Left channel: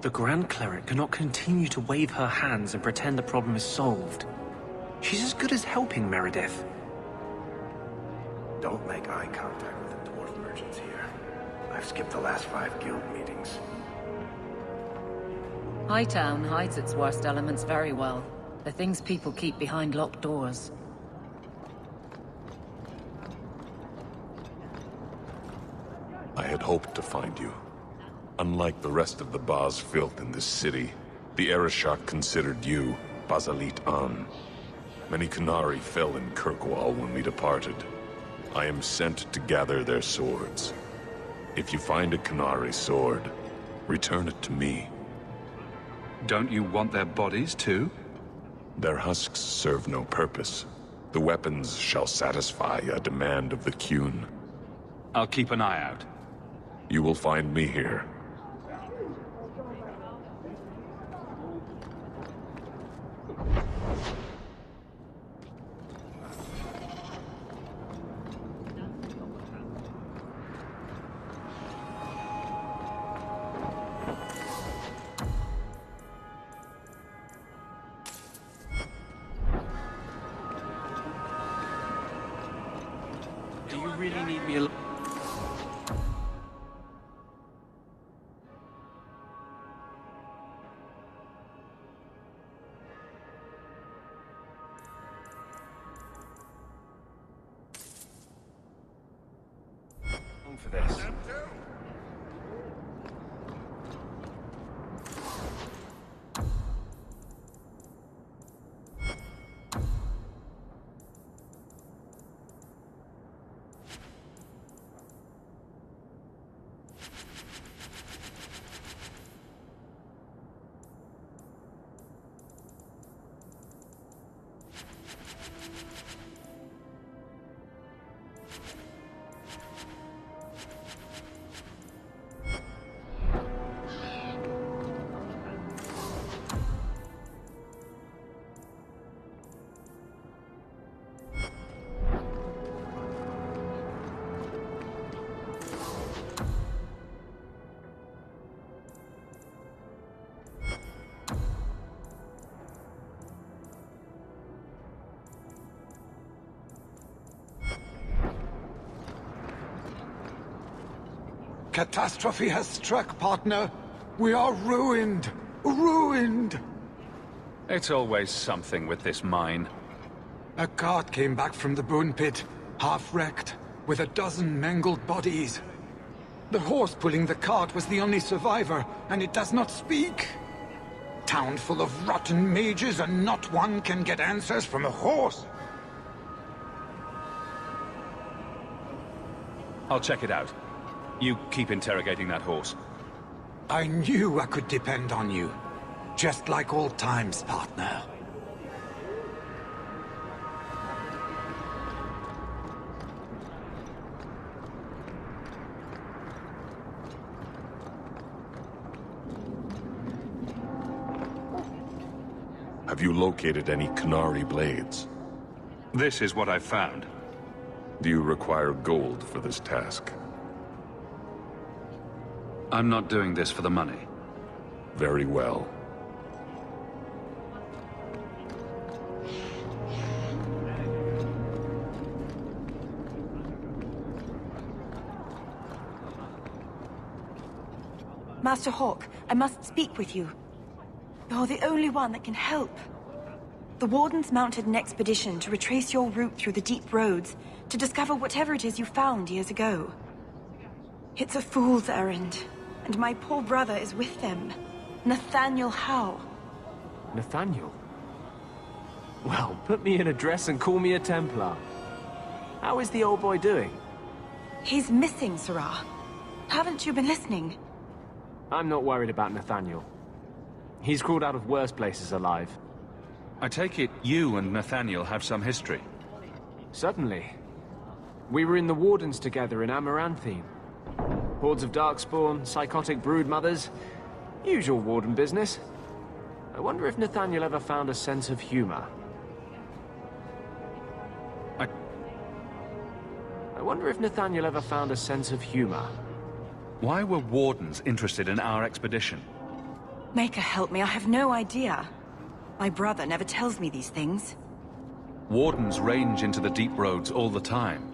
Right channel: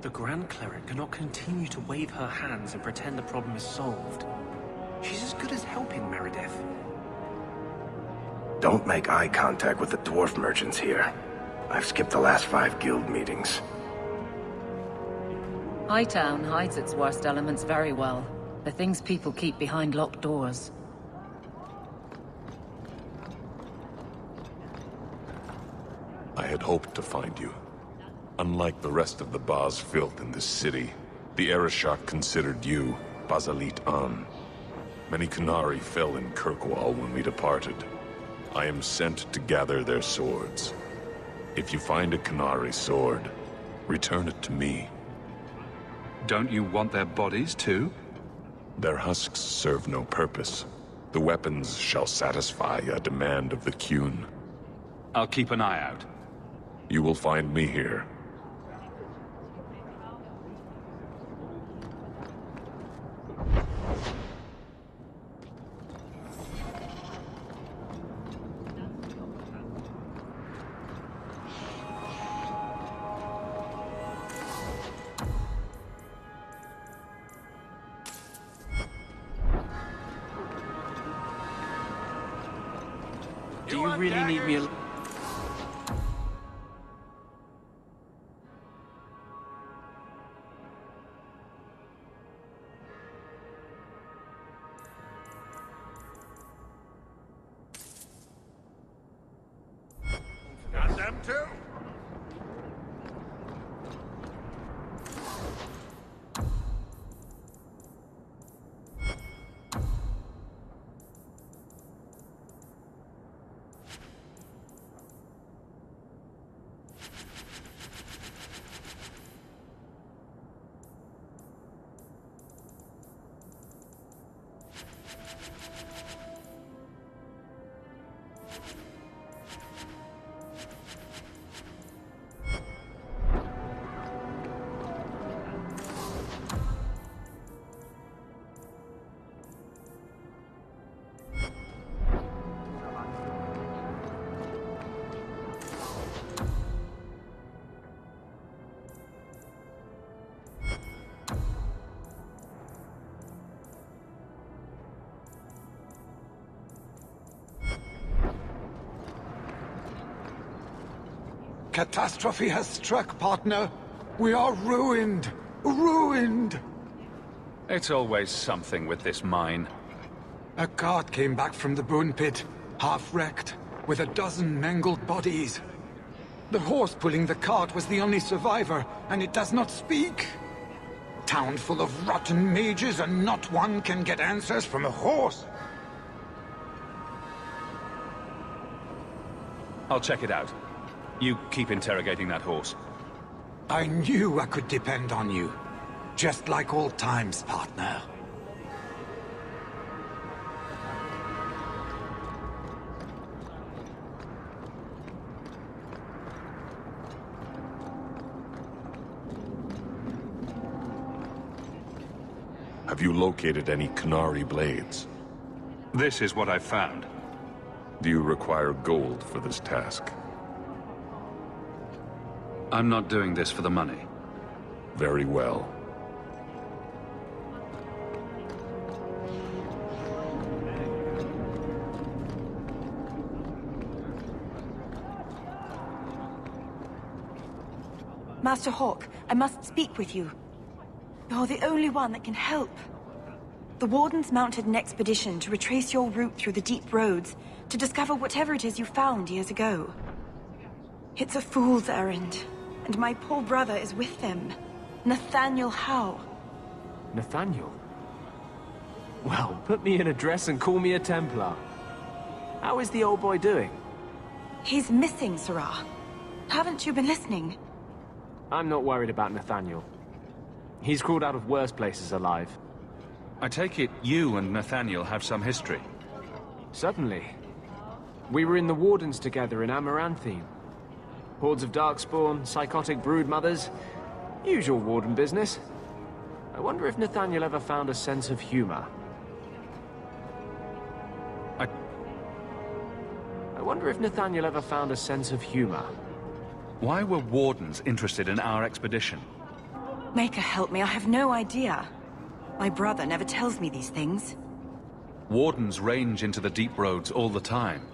The Grand Cleric cannot continue to wave her hands and pretend the problem is solved. She's as good as helping Meredith. Don't make eye contact with the dwarf merchants here. I've skipped the last 5 guild meetings. Hightown hides its worst elements very well. The things people keep behind locked doors. I had hoped to find you. Unlike the rest of the Baz filth in this city, the Arishok considered you Basalit An. Many Qunari fell in Kirkwall when we departed. I am sent to gather their swords. If you find a Qunari sword, return it to me. Don't you want their bodies too? Their husks serve no purpose. The weapons shall satisfy a demand of the Qun. I'll keep an eye out. You will find me here. You want daggers? Got them too. Catastrophe has struck, partner. We are ruined. Ruined! It's always something with this mine. A cart came back from the Boon Pit, half-wrecked, with a dozen mangled bodies. The horse pulling the cart was the only survivor, and it does not speak. Town full of rotten mages, and not one can get answers from a horse. I'll check it out. You keep interrogating that horse. I knew I could depend on you. Just like old times, partner. Have you located any Qunari blades? This is what I've found. Do you require gold for this task? I'm not doing this for the money. Very well. Master Hawk, I must speak with you. You're the only one that can help. The Wardens mounted an expedition to retrace your route through the deep roads to discover whatever it is you found years ago. It's a fool's errand, and my poor brother is with them. Nathaniel Howe. Nathaniel? Well, put me in a dress and call me a Templar. How is the old boy doing? He's missing, Sirrah. Haven't you been listening? I'm not worried about Nathaniel. He's crawled out of worse places alive. I take it you and Nathaniel have some history. Certainly. We were in the Wardens together in Amaranthine. Hordes of Darkspawn, psychotic broodmothers. Usual Warden business. I wonder if Nathaniel ever found a sense of humor. I wonder if Nathaniel ever found a sense of humor. Why were Wardens interested in our expedition? Maker help me, I have no idea. My brother never tells me these things. Wardens range into the deep roads all the time.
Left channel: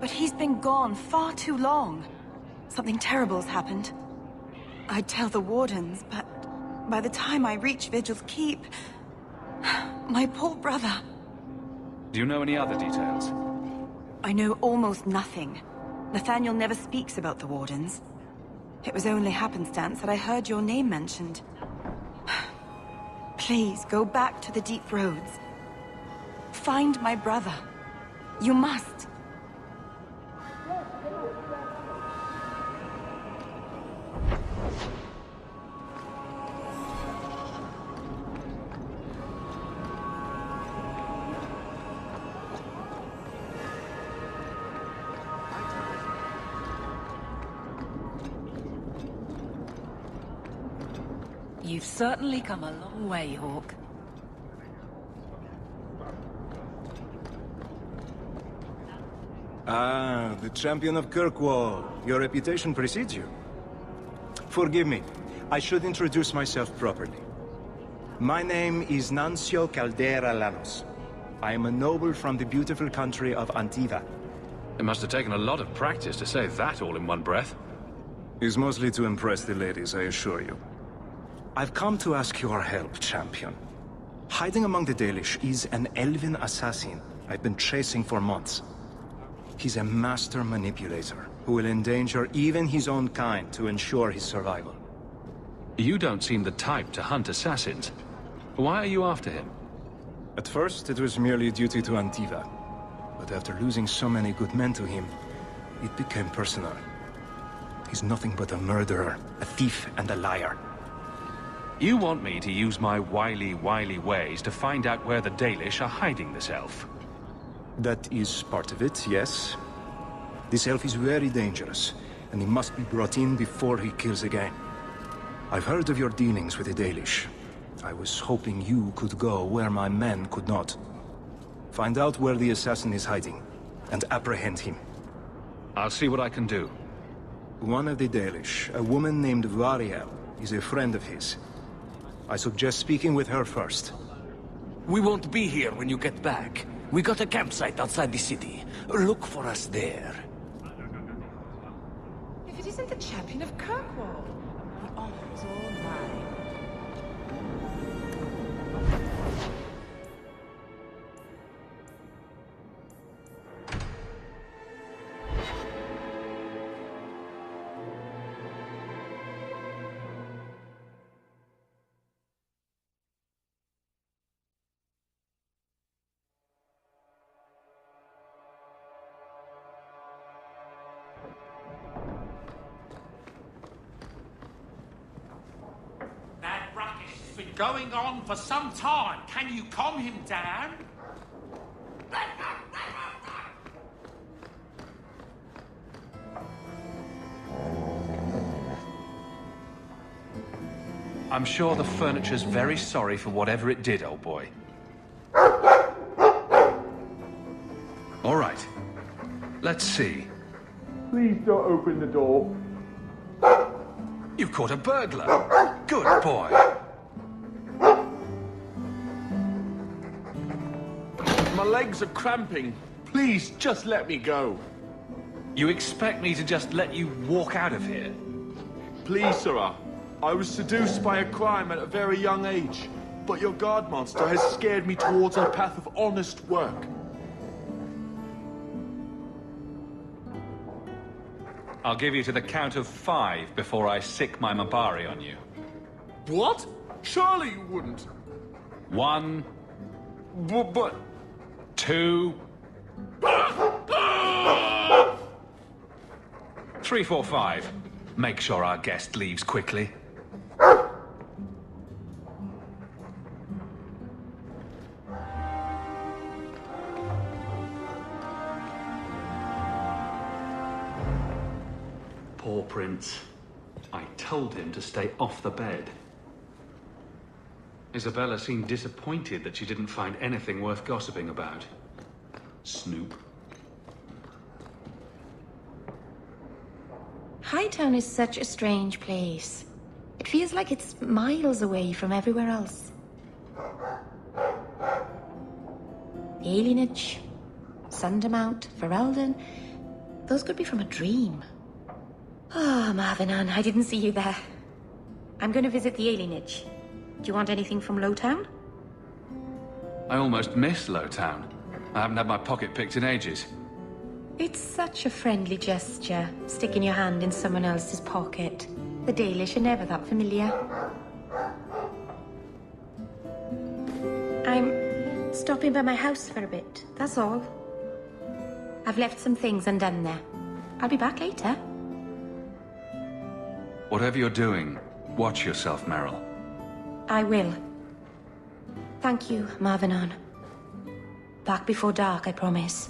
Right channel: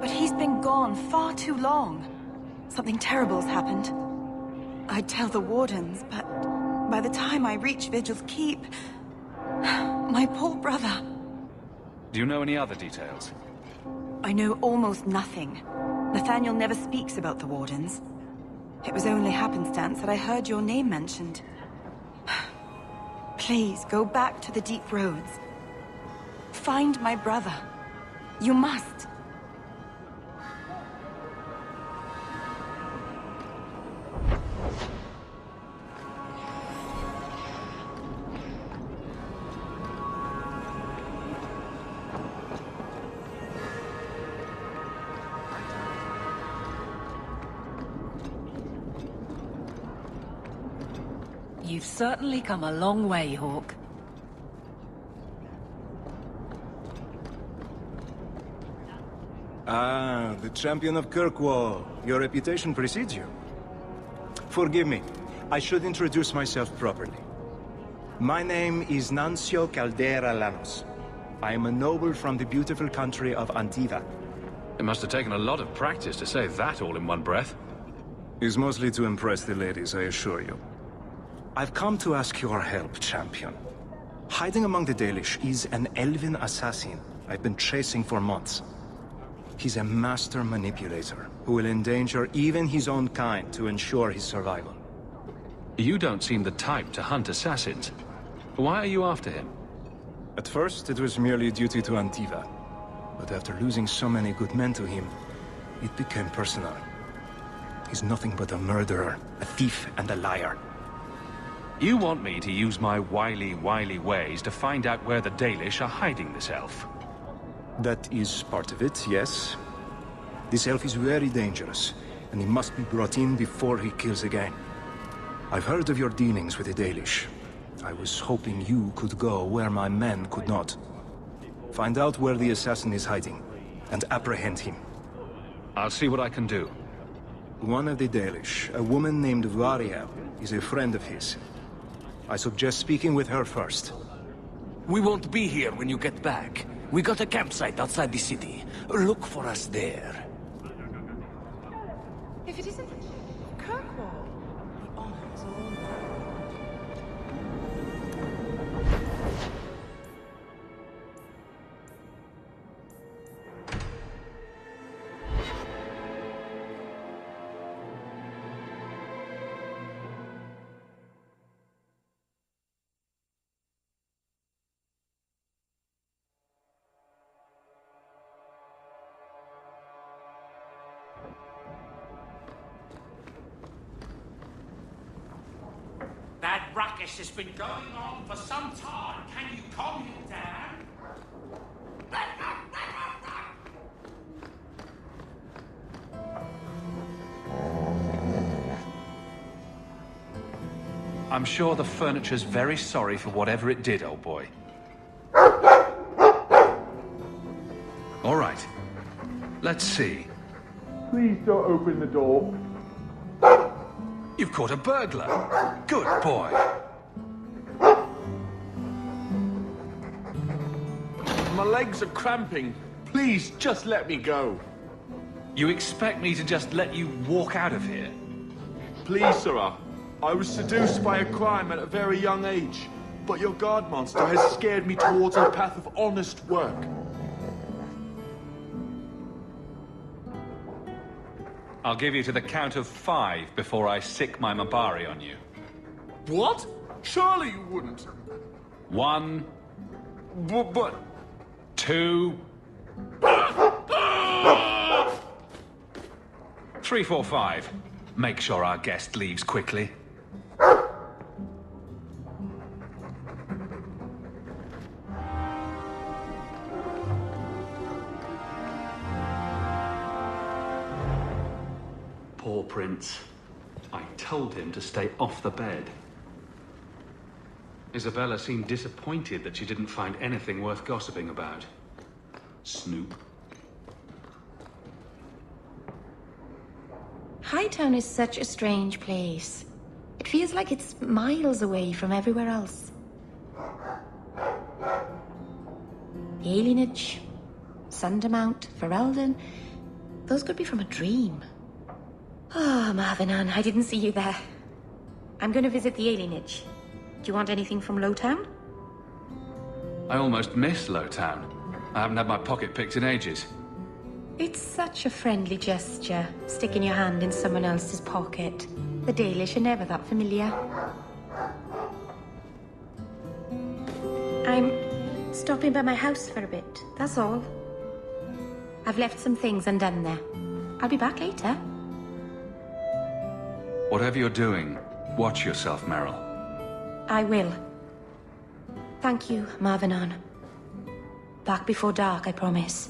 But he's been gone far too long. Something terrible's happened. I'd tell the Wardens, but by the time I reach Vigil's Keep... my poor brother... Do you know any other details? I know almost nothing. Nathaniel never speaks about the Wardens. It was only happenstance that I heard your name mentioned. Please, go back to the deep roads. Find my brother. You must. Come a long way, Hawke. Ah, the champion of Kirkwall. Your reputation precedes you. Forgive me. I should introduce myself properly. My name is Nancio Caldera Lanos. I am a noble from the beautiful country of Antiva. It must have taken a lot of practice to say that all in one breath. It's mostly to impress the ladies, I assure you. I've come to ask your help, champion. Hiding among the Dalish is an elven assassin I've been chasing for months. He's a master manipulator who will endanger even his own kind to ensure his survival. You don't seem the type to hunt assassins. Why are you after him? At first, it was merely duty to Antiva. But after losing so many good men to him, it became personal. He's nothing but a murderer, a thief, and a liar. You want me to use my wily ways to find out where the Dalish are hiding this elf? That is part of it, yes. This elf is very dangerous, and he must be brought in before he kills again. I've heard of your dealings with the Dalish. I was hoping you could go where my men could not. Find out where the assassin is hiding, and apprehend him. I'll see what I can do. One of the Dalish, a woman named Variel, is a friend of his. I suggest speaking with her first. We won't be here when you get back. We got a campsite outside the city. Look for us there. If it isn't the champion of Kirkwall, the honor is all mine. It's been going on for some time. Can you calm him down? I'm sure the furniture's very sorry for whatever it did, old boy. All right. Let's see. Please don't open the door. You've caught a burglar. Good boy. My legs are cramping. Please, just let me go. You expect me to just let you walk out of here? Please, sirrah. I was seduced by a crime at a very young age, but your guard monster has scared me towards a path of honest work. I'll give you to the count of 5 before I sick my Mabari on you. What? Surely you wouldn't. 1. But... 2. 3, 4, 5. Make sure our guest leaves quickly. Poor Prince. I told him to stay off the bed. Isabella seemed disappointed that she didn't find anything worth gossiping about. Snoop. Hightown is such a strange place. It feels like it's miles away from everywhere else. The alienage, Sundermount, Ferelden, those could be from a dream. Ah, Marvenon, I didn't see you there. I'm going to visit the alienage. Do you want anything from Lowtown? I almost miss Lowtown. I haven't had my pocket picked in ages. It's such a friendly gesture, sticking your hand in someone else's pocket. The Dalish are never that familiar. I'm stopping by my house for a bit, that's all. I've left some things undone there. I'll be back later. Whatever you're doing, watch yourself, Merrill. I will. Thank you, Marvenon. Back before dark, I promise.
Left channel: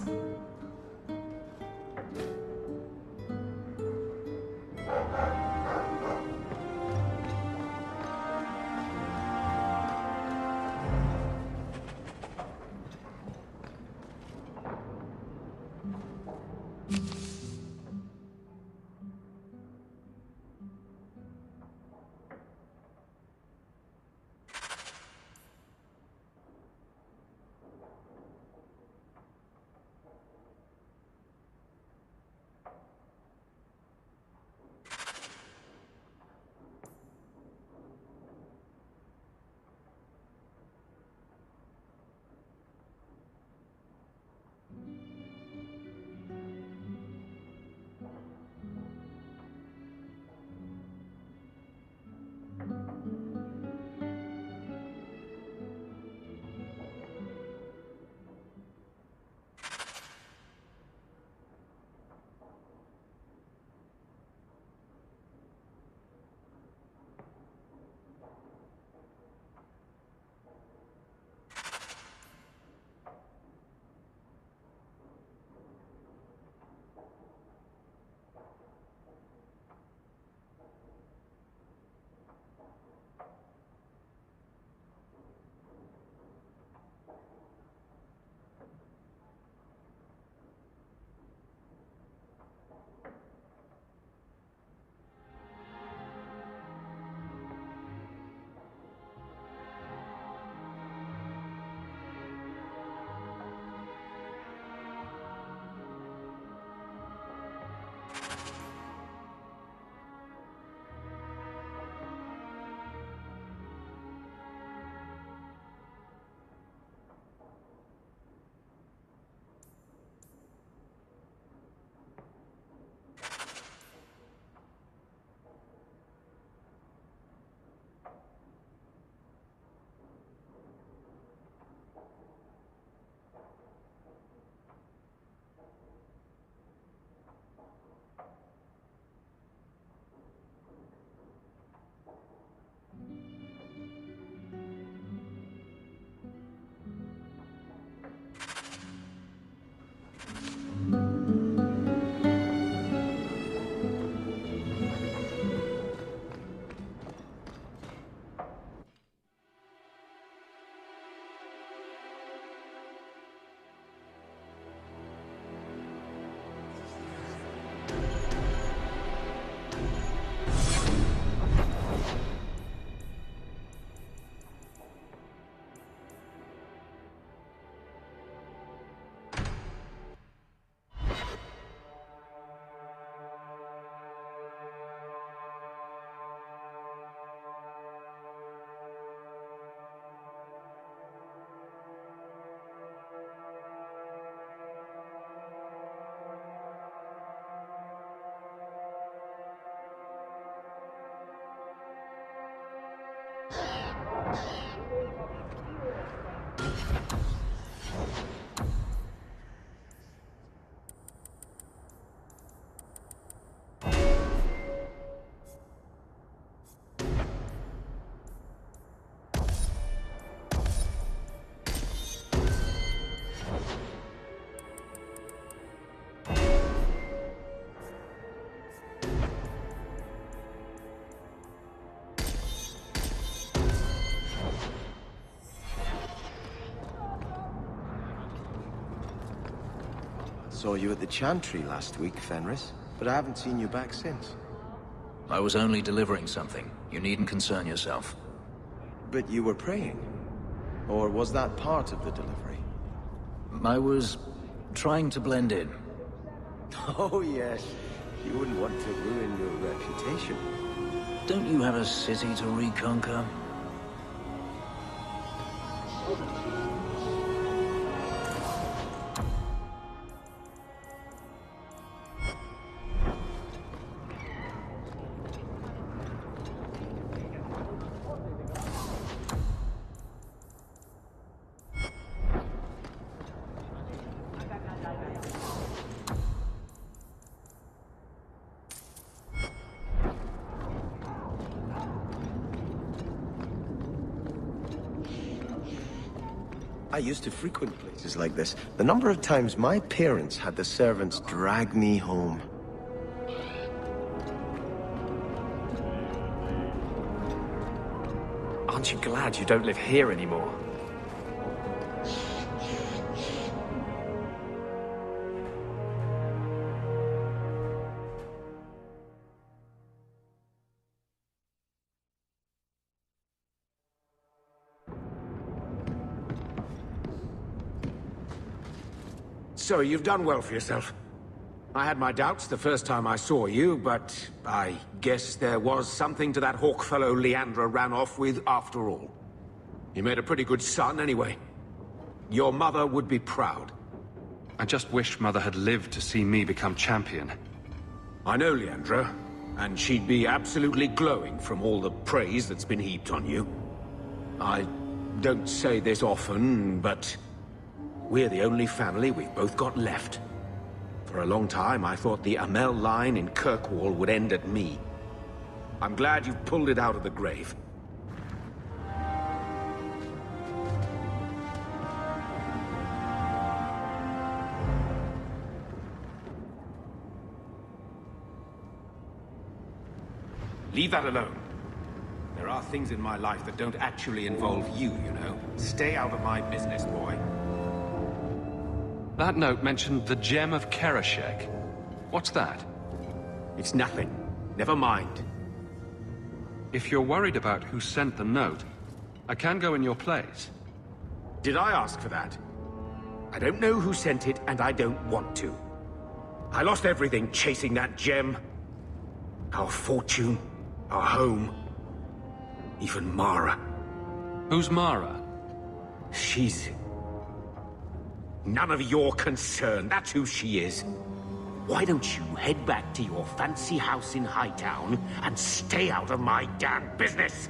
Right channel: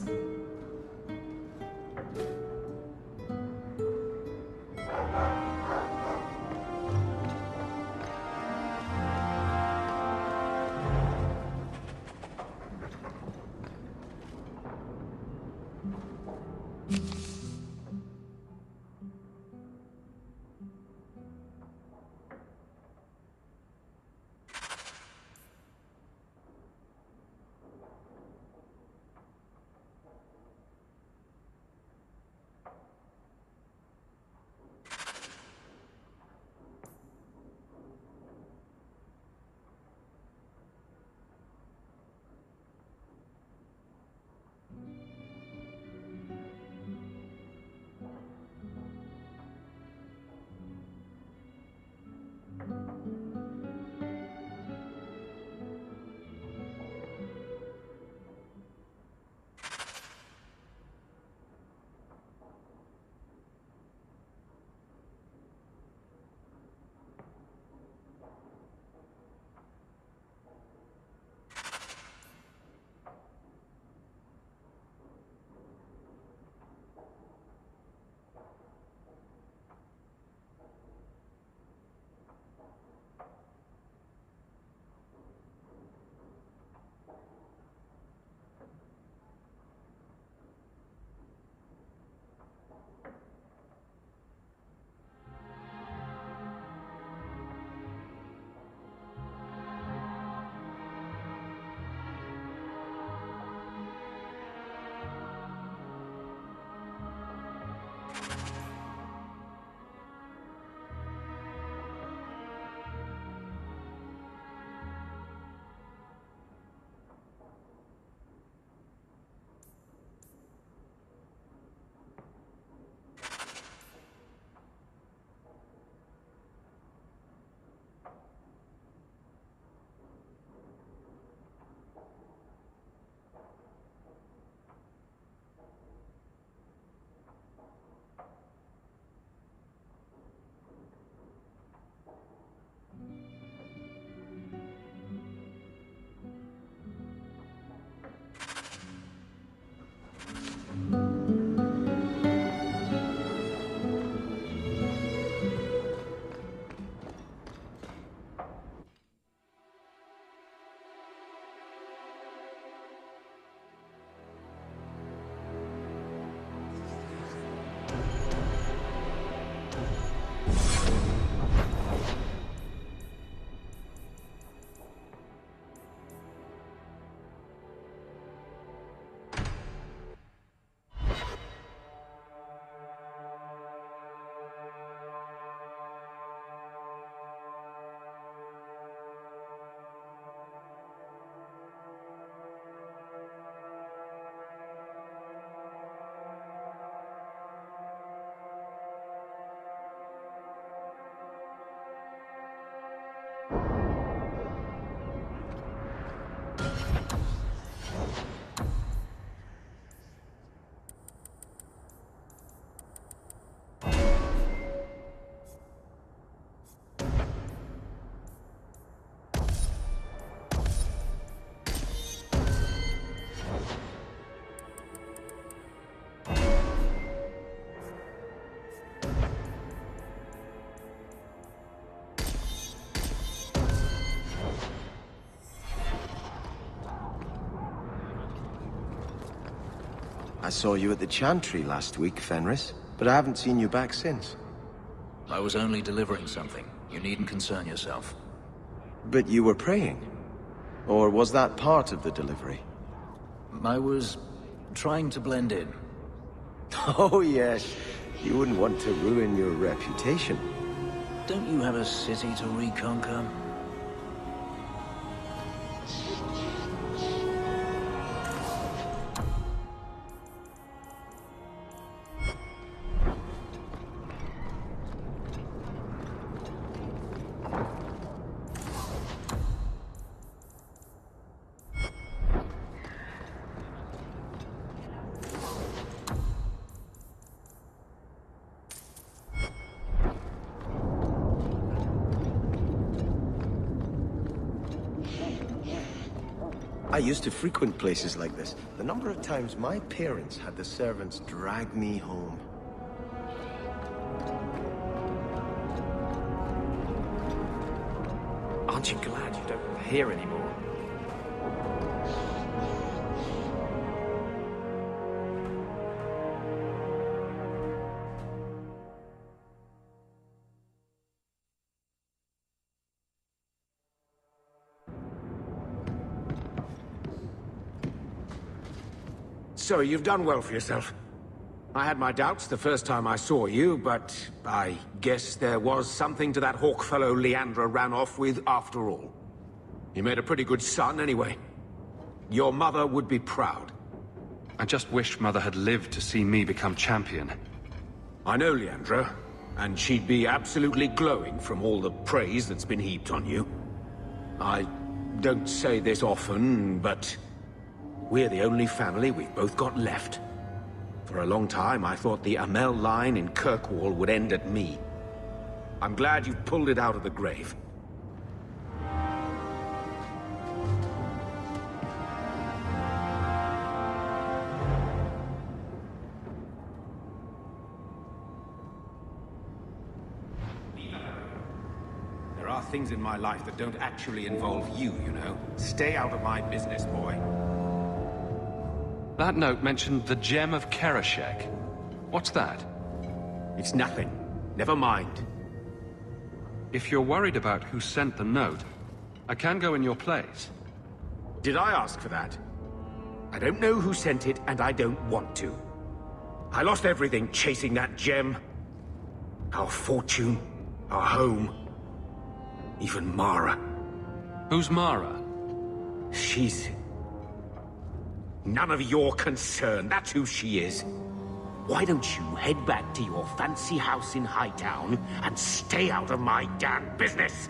I saw you at the Chantry last week, Fenris, but I haven't seen you back since. I was only delivering something. You needn't concern yourself. But you were praying? Or was that part of the delivery? I was trying to blend in. Oh yes, you wouldn't want to ruin your reputation. Don't you have a city to reconquer? Places like this. The number of times my parents had the servants drag me home. I'm glad you don't live here anymore. So, you've done well for yourself. I had my doubts the first time I saw you, but I guess there was something to that hawk fellow Leandra ran off with after all. You made a pretty good son, anyway. Your mother would be proud. I just wish Mother had lived to see me become champion. I know Leandra, and she'd be absolutely glowing from all the praise that's been heaped on you. I don't say this often, but we're the only family we've both got left. For a long time, I thought the Amell line in Kirkwall would end at me. I'm glad you've pulled it out of the grave. Leave that alone. There are things in my life that don't actually involve you, you know. Stay out of my business, boy. That note mentioned the Gem of Kereshek. What's that? It's nothing. Never mind. If you're worried about who sent the note, I can go in your place. Did I ask for that? I don't know who sent it, and I don't want to. I lost everything chasing that gem. Our fortune, our home, even Mara. Who's Mara? She's none of your concern. That's who she is. Why don't you head back to your fancy house in Hightown and stay out of my damn business?